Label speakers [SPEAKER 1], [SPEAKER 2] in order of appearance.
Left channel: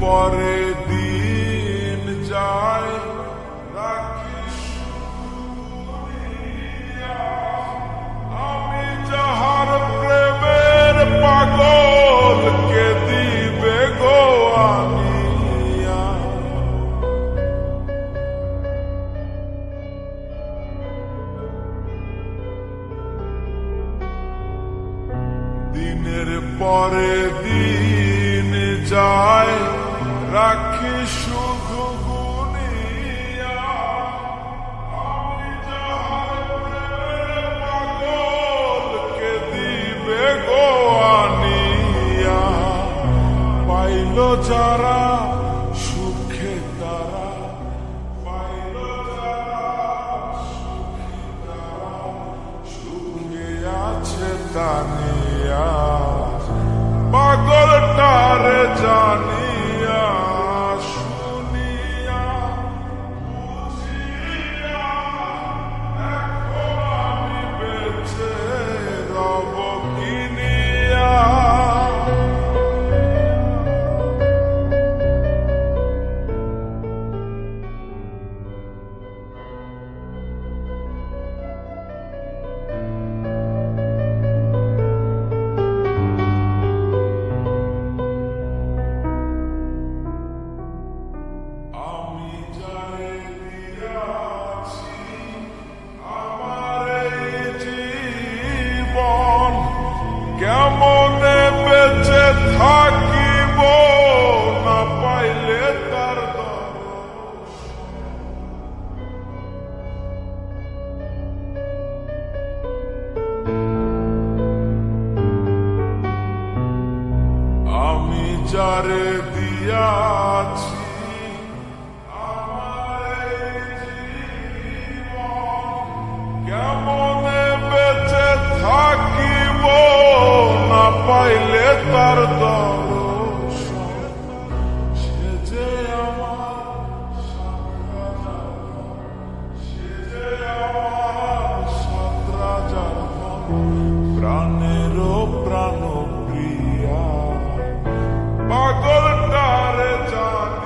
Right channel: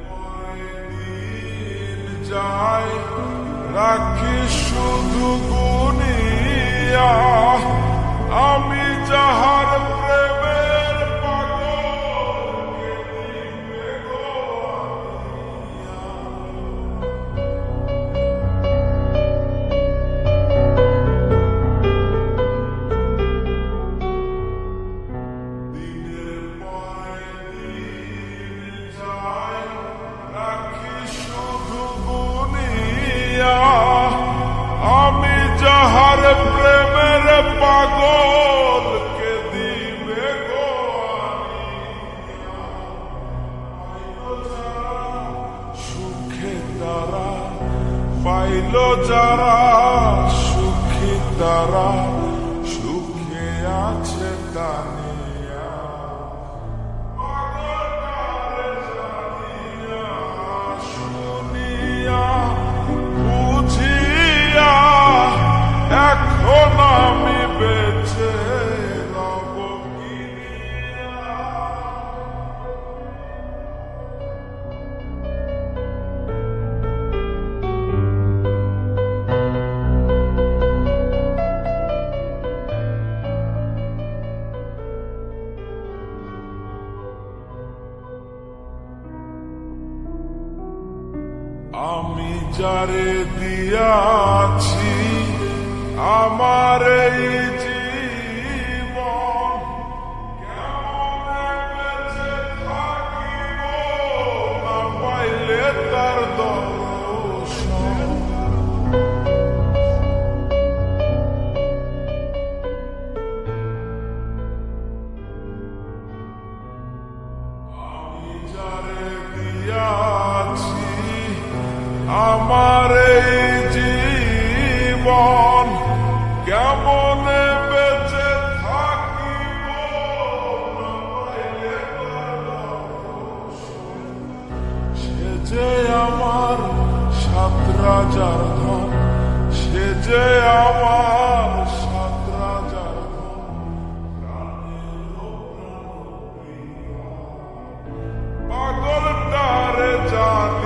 [SPEAKER 1] পরে দিন যায়, রাখি শুধু গুনিয়া আমি যাহার প্রেমের পাগল কে দিবে গো দিনের পরে দিন যায় রাখি শুধু গুনিয়া আমি যাহার প্রেমের পাগল কে দিবে গো আনিয়া। পাইল যারা সুখে তারা, পাইল যারা সুখী তারা, সুখে আছে তানিয়া। আমি যারে দিয়াছি, আমার এই জীবন কেমনে বেঁচে থাকিব না পাইলে তার আমি যারে দিয়াছি আমার এই জীবন কেমনে বেঁচে থাকিব না পাইলে তার দর্শন সে যে আমার সাত রাজার ধন, সে যে আমার সাত রাজার ধন প্রাণেরও প্রাণ প্রিয়া পাগলটারে জানিয়া